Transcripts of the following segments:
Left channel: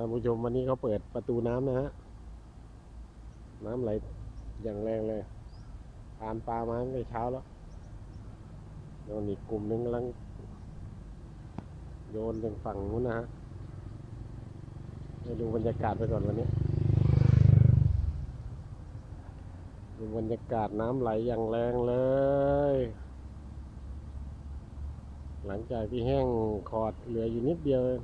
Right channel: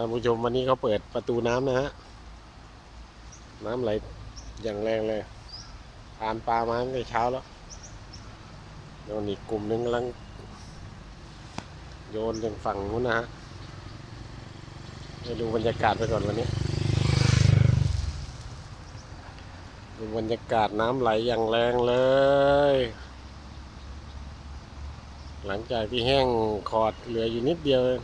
ท่านผู้ชมวันนี้เขาเปิดประตูน้ำนะฮะ น้ำไหลอย่างแรงเลยผ่านปลามาตั้งแต่เช้าแล้วโยนอีกกลุ่มหนึงกำลัง โยนยังฝั่งนู้นนะฮะไปดูบรรยากาศไปก่อนวันนี้ดูบรรยากาศน้ำไหลอย่างแรงเลย หลังจากที่แห้งขอดเหลืออยู่นิดเดียวเอง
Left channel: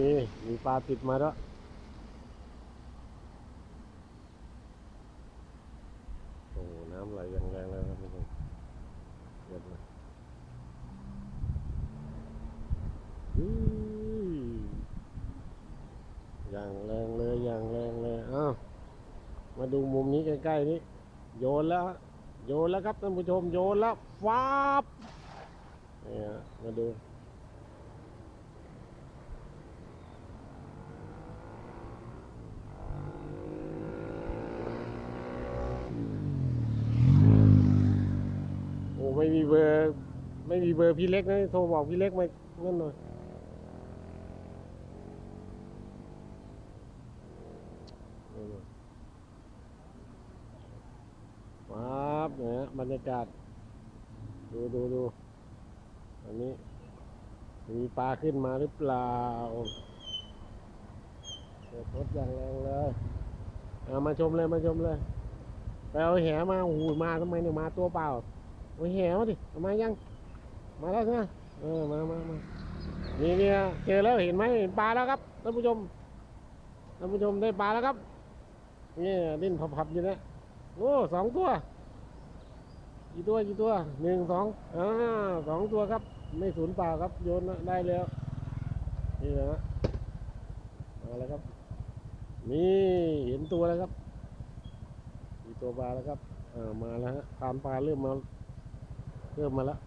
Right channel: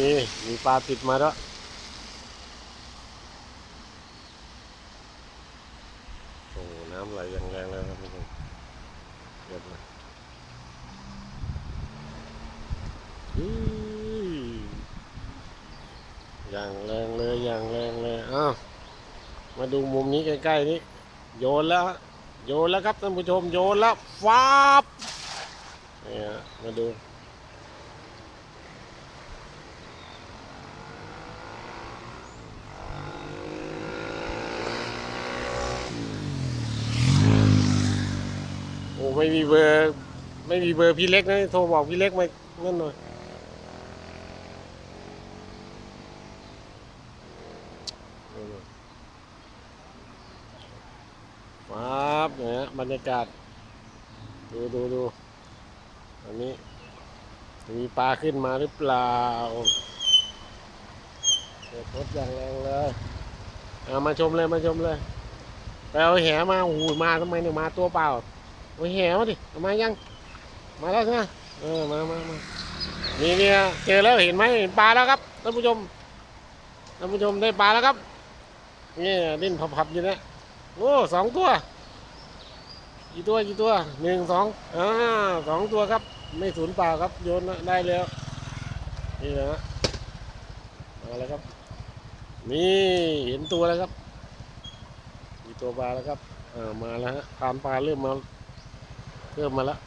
นี่มีปลาติดมาแล้วโอ้น้ำไหลอย่างแรงเลยครับทุกคนเดือดเลยอย่างแรงเลยอย่างแรงเลยอ้าวมาดูมุมนี้ใกล้ๆนี้โยนแล้วโยนแล้วครับท่านผู้ชมโยนแล้วฟ้าบนี่ฮะมาดู ไม่มีเบอร์ ไม่มีเบอร์พี่เล็กนะ โทรบอกพี่เล็กมานั่นหน่อย ครับเนี่ยบรรยากาศ ดูดูดูอันนี้ มีปลาขึ้นมาหรือเปล่าเด็ดพดอย่างแรงเลยเอามาชมเลยมาชมเลยไปเอาแหมาโอ้โหมาทำไมเนี่ยมาตัวเปล่า โอ้ยแหวดิเอามายัง มาแล้วใช่ไหมเออมามามานี่เนี่ยเจอแล้วเห็นไหมเห็นปลาแล้วครับท่านผู้ชมท่านผู้ชมได้ปลาแล้วครับนี่ดิ้นพับๆอยู่เนะโอ้สองตัวกี่ตัวกี่ตัวหนึ่งสองอ่าสองตัวครับ ไม่สูญเปล่าครับโยนได้แล้วนี่นะฮะมาแล้วครับ นี่เห็นตัวแล้วครับมีตัวปลาแล้วครับอ่ามาแล้วฮะตามปลาเริ่มมา เพิ่มมาแล้ว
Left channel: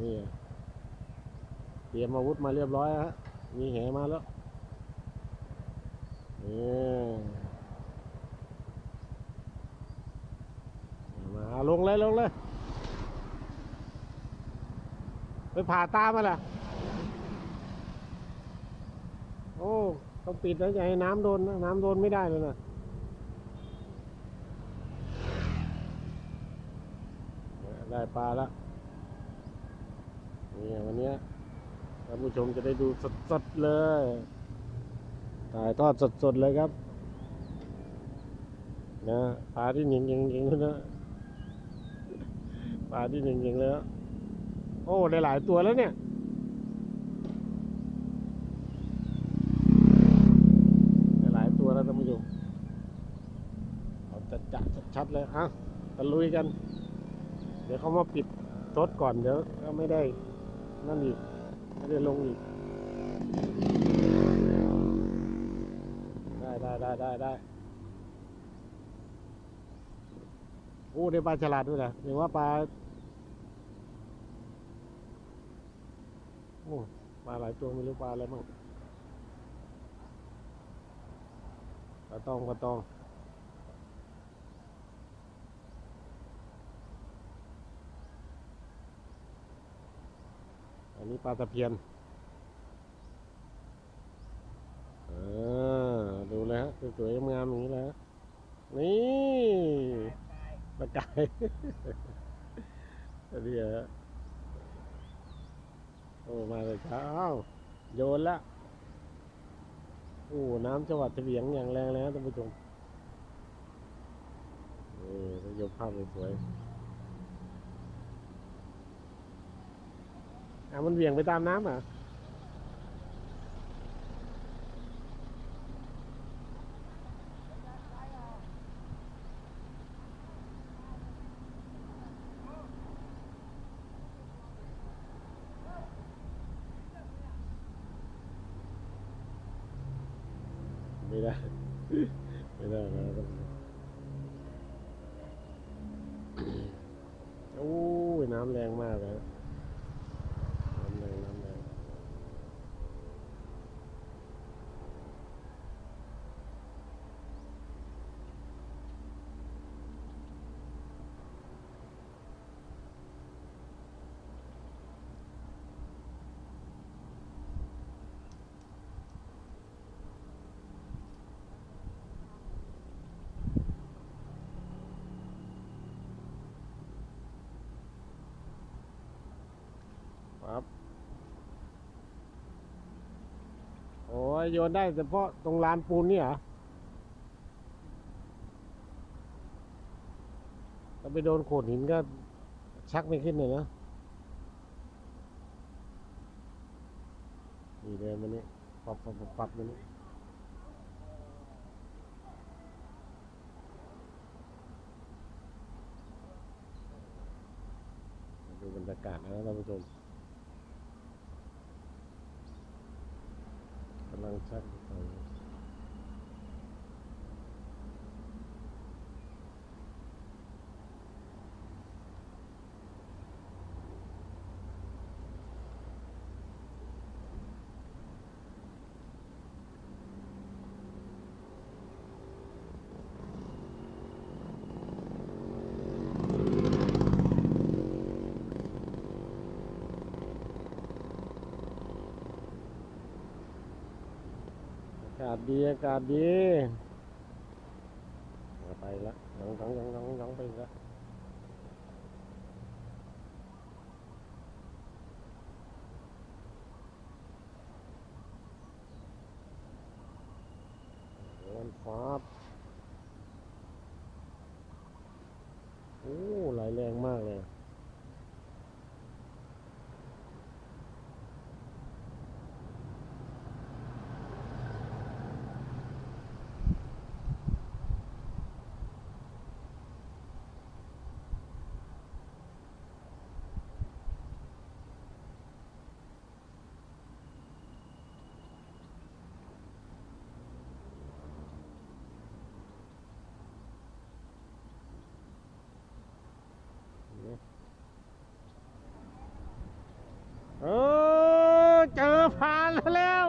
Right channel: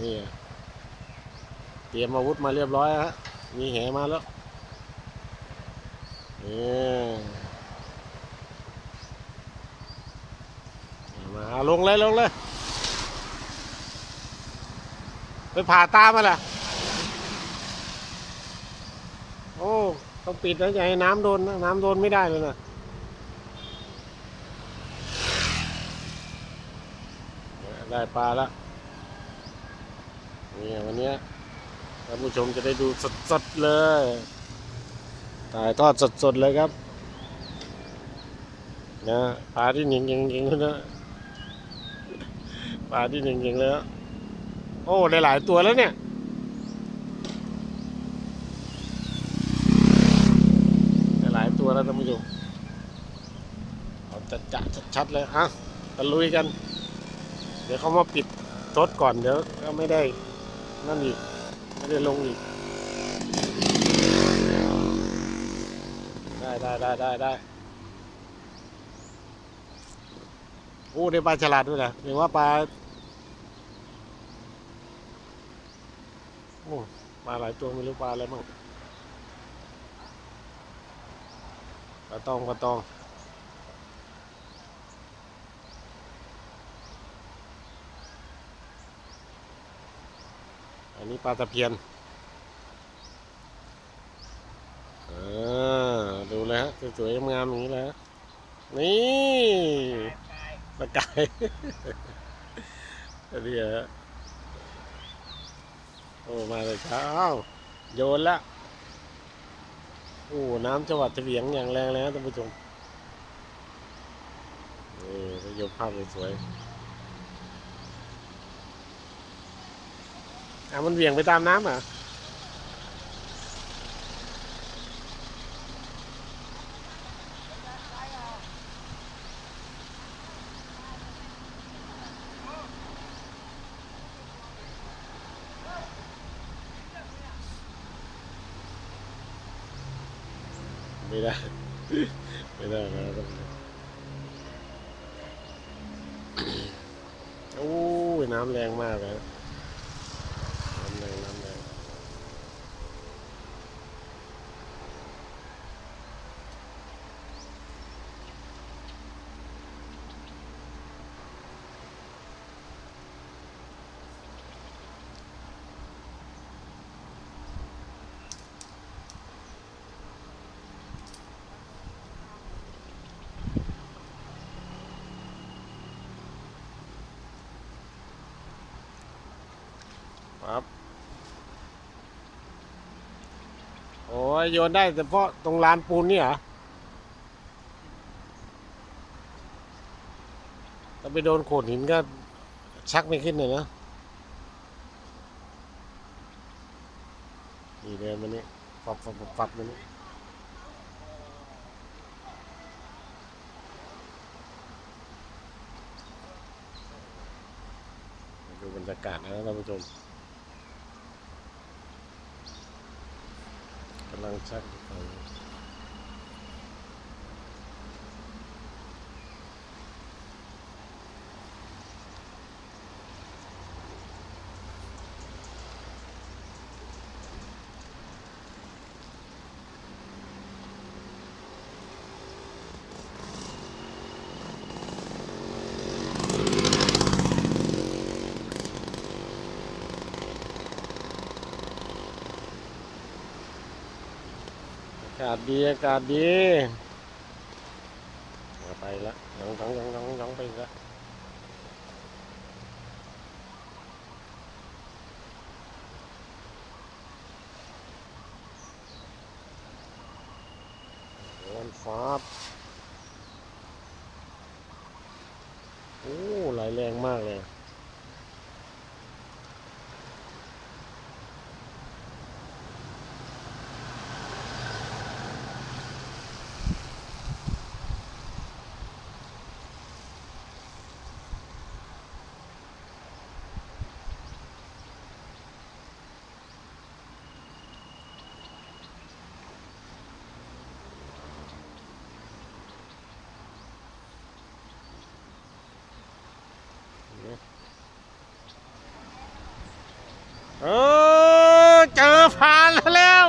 นี่เตรียมอาวุธมาเรียบร้อยฮะมีแหมาแล้วนี่มาลงเลยลงเลย ไปผ่าตามาล่ะ โอ้ ต้องปิดนะอย่าให้น้ำโดนนะ น้ำโดนไม่ได้เลยนะ ได้ปลาแล้วนี่วันนี้ท่านผู้ชมจะได้ดูสดๆเลยถ่ายทอดสดๆเลยครับนะปลาที่หนิงยิงยิงนะปลาที่หนิงยิงแล้ว โอ้ได้หลายตัวแล้วเนี่ยได้หลายตัวแล้วท่านผู้ชมเอาจัดจะชัดๆเลยอะตะลุยกัน เดี๋ยวเขามาปิดรถก่อนเดี๋ยวก็ไม่ได้นั่นอีก ไม่ได้ลงอีก ได้ได้ได้ได้ได้โอ้ได้ปลาฉลาดด้วยนะเห็นว่าปลาโอ้ปลาหลายตัวไม่รู้ปลาอะไรบ้างปลาตองปลาตอง นนี้ปลาตะเพียนอ่าดูเลยฮะสวยๆงามๆอย่างนี้เลยฮะนี่ปลากายอันนี้ฮะโอ้มาเลยเช้าโยนละโอ้น้ำจังหวัดเฉียงอย่างแรงเลยนะท่านผู้ชมนี่จะยกภาพสวยๆ อะมันเหวี่ยงไปตามน้ำเหรอะไม่ได้ ไม่ได้นะครับโอ้ยน้ำแรงมากเลยน้ำแรงน้ำแรง ครับ โยนได้แต่เพาะตรงลานปูนนี่เหรอถ้าไปโดนโขดหินก็ชักไม่ขึ้นเลยนะนี่เดินมานี่ฟับฟับฟับฟับมานี่ดูบรรยากาศนะท่านผู้ชม กำลังชักอยู่ฝั่งนู้นอากาศดีอากาศดีมาไปละน้องน้องน้องน้องน้องไปละโดนฟ้าบโอ้ไหลแรงมากเลย เออเจอพานแล้ว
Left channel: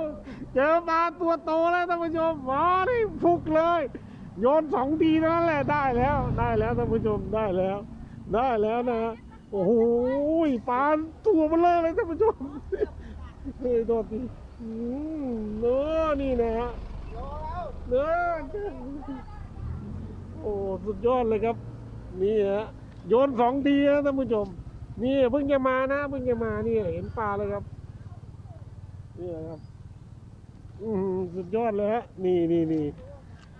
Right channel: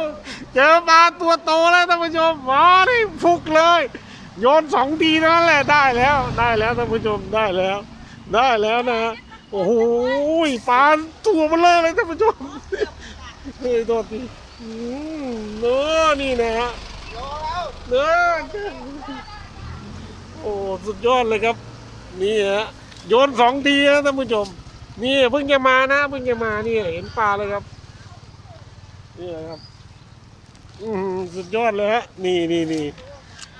เจอปลา ตัวโตแล้วท่านผู้ชมอ๋อนี่ฟุกเลย โยนสองทีนั้นแหละได้แล้วได้แล้วท่านผู้ชมได้แล้ว ได้แล้วนะโอ้โหปลาตัวมันเลยเลยท่านผู้ชมเฮ้ยโทษทีเนื้อนี่นะฮะเนื้อโอ้สุดยอดเลยครับ นี่ฮะโยนสองทีนะท่านผู้ชม นี่เพิ่งจะมานะเพิ่งจะมานี่เห็นปลาเลยครับนี่ครับ สุดยอดเลยฮะ นี่นี่นี่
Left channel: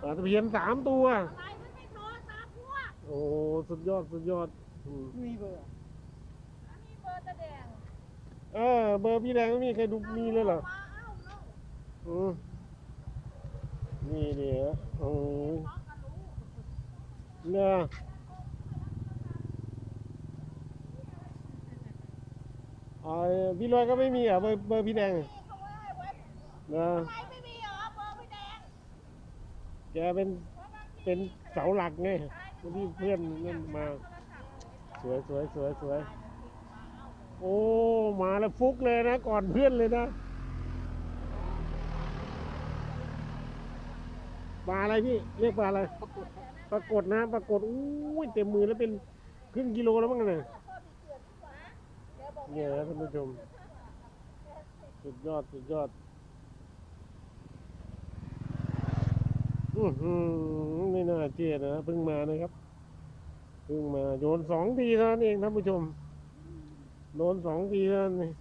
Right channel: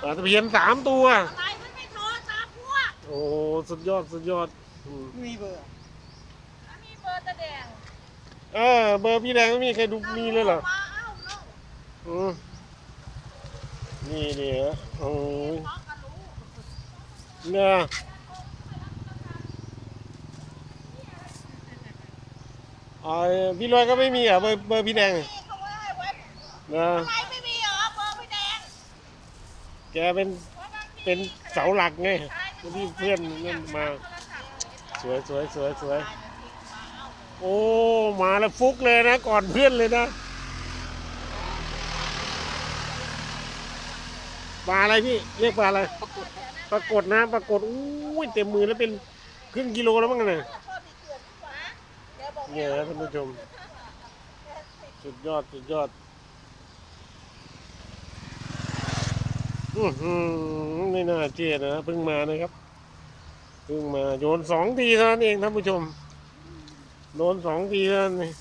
ปลาตะเพียนสามตัว อะไรมันไม่โทรตามพวกโอ้ สุดยอด สุดยอดอืมมีเบอร์แล้วมีเบอร์ตะแดงเออเบอร์พี่แดงไม่มีใครดูมีเลยเหรอ มาเอ้าเนาะอืมนี่นี่ฮะโอ้ยน้องก็รู้เนี่ยอ๋อพี่ลอยก็ไม่มีเหรอะเบอร์เบอร์พี่แดงนี่เขาว่าให้ไว้ นะไมไม่มีเหรอเบอร์พี่แดงแกเป็นเป็นเสาหลักไงที่เพื่อนนั่นมา สวยสวยสวยสวยโอ้มาแล้วฟุกเลยนะ ก่อนเพื่อนเลยนะปลาอะไรพี่เรียกปลาอะไรปรากฏนะปรากฏอุ้ยเต็มมือแล้วเป็นครึ่งกิโลแล้วมั้งเนี่ยโทษที่เกิดขึ้นมาแกบอกเนี่ยท่านผู้ชม สุดยอด สุดยอด อือหือ ไม่น่าเชื่อนะเพิ่งมานะครับเพิ่งมาโยนสองทีเท่านั้นเองท่านผู้ชมโดนสองทีเท่านั้นเอง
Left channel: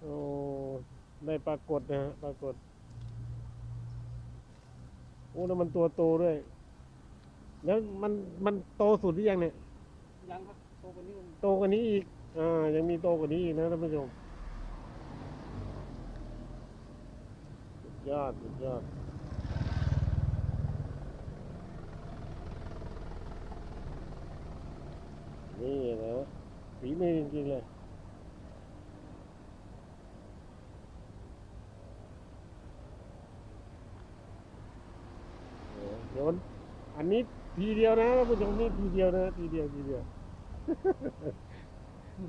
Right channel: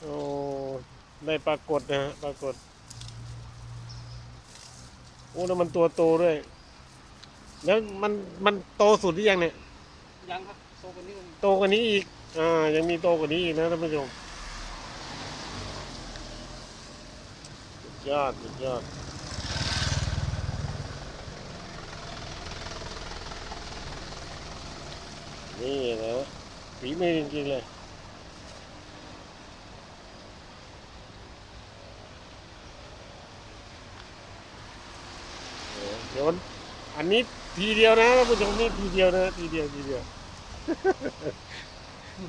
โอ้ได้ปรากฏนะฮะปรากฏโอ้แล้วมันตัวโตด้วย แล้วมันมันโตสุดหรือยังเนี่ยยังครับโตกว่านี้โตกว่านี้อีกอ่ายังมีโตกว่านี้อีกนะท่านผู้ชมสุดยอดสุดยอด นี่นะฝีมือจริงๆเลยโยนอันนี้ทีเดียวนะท่านผู้ชมนี่ทีเดียวนะทีเดียวทีเดียว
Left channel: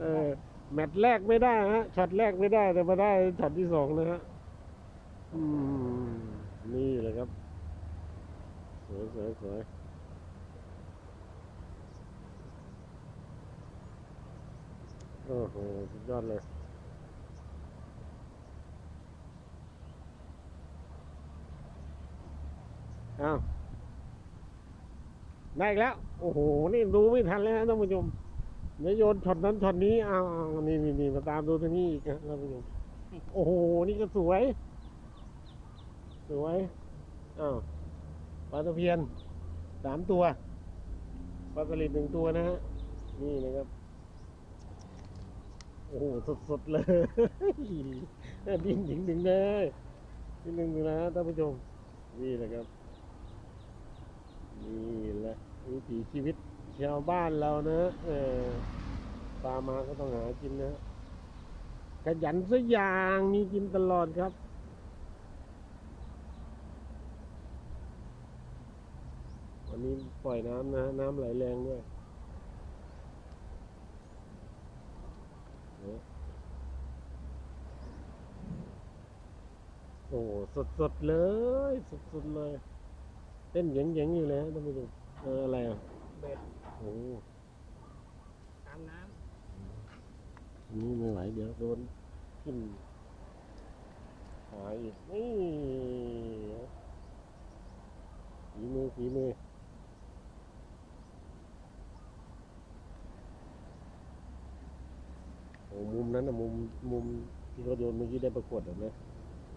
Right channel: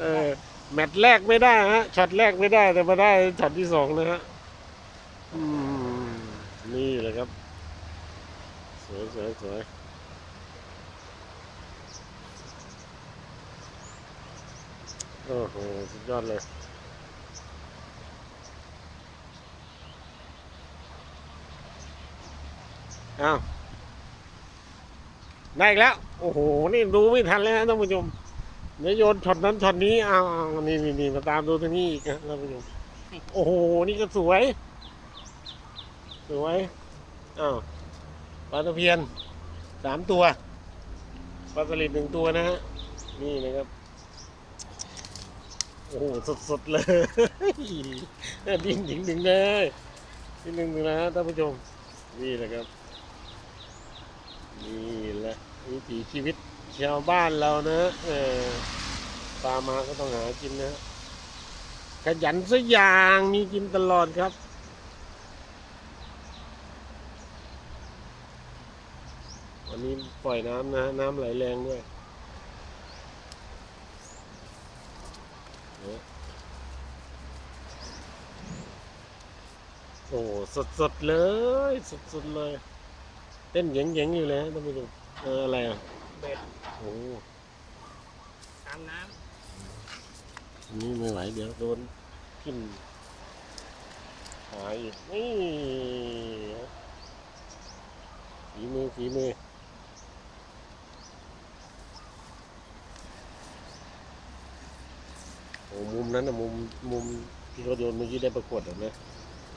เออแมตช์แรกไม่ได้ฮะช็อตแรกไม่ได้แต่มาได้ช็อตที่สองนะฮะอืมนี่เลยครับ สวยสวยสวย อ้โหสุดยอดเลยอ้าวได้อีกแล้ว โอ้โห นี่ดูไม่ทันแล้วนะท่านผู้ชมเดี๋ยวโยนช็อตนั้นช็อตนี้อ้าวอ้านี่นี่นี่มาตามดูตรงนี้อีกนะท่านผู้ชมโอ้โห นี่ก็สวย สวยอ้าวปลาตะเพียนสามตัวปลาสลิดหนึ่งตัวนะฮะนี่นะครับ อ้โหสดๆเลยดิ้นหญิงหนึ่งเลยดิ้นหนึ่งนะท่านผู้ชม นี่แหละครับ นี่แหละวิถีชีวิตชาวบ้านเรานะเออปลามาก็ต้องหากินนะขยันสักอย่างมีกินตลอดครับวันนี้ปล่อยน้ำนะ น้ำไหลแรงด้วย โอ้สดสดๆเลย สดสดๆเลย เต้นเหยงๆอยู่เลยฮะท่านผู้ชมเอออะไรอะเบ็ดโอ้ตามน้อันนี่ไม่ไหวเดี๋ยวโดนขึ้นหายอีกนี่ฝีมือฝีมือโอ้มุมนั้นนะมุมมุมที่เขาโยนเมื่อกี้ได้ประกวดเห็นไหม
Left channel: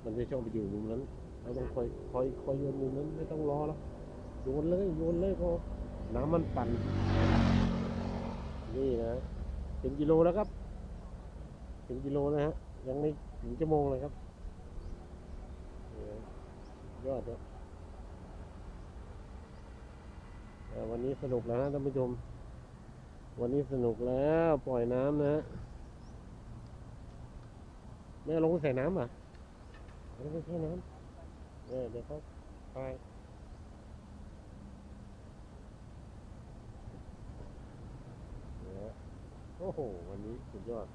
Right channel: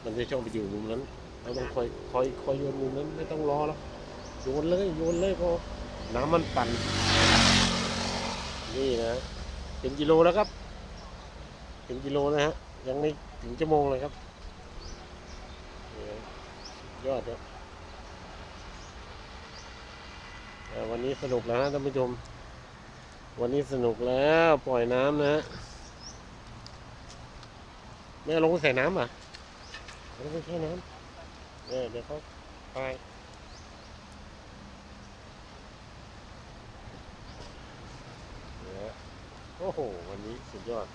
มันจะชอบไปอยู่มุมนั้นเราต้องคอยคอยคอยโยนมุมนั้นไม่ต้องรอแล้วโยนเลยโยนเลยพอน้ำมันปั่นนี่นะเป็นกิโลแล้วครับถึงกิโลนะฮะยังไม่ถึงชั่วโมงเลยครับยอดครับวันนี้สนุกแล้วฮะท่านผู้ชม วันนี้สนุกแล้วปล่อยน้ำนะฮะไม่ลงใส่น้ำอะ มันไม่ใช่น้ำเออเดี๋ยวเขาไปเนี่ยโอ้โห วันนี้สุดยอด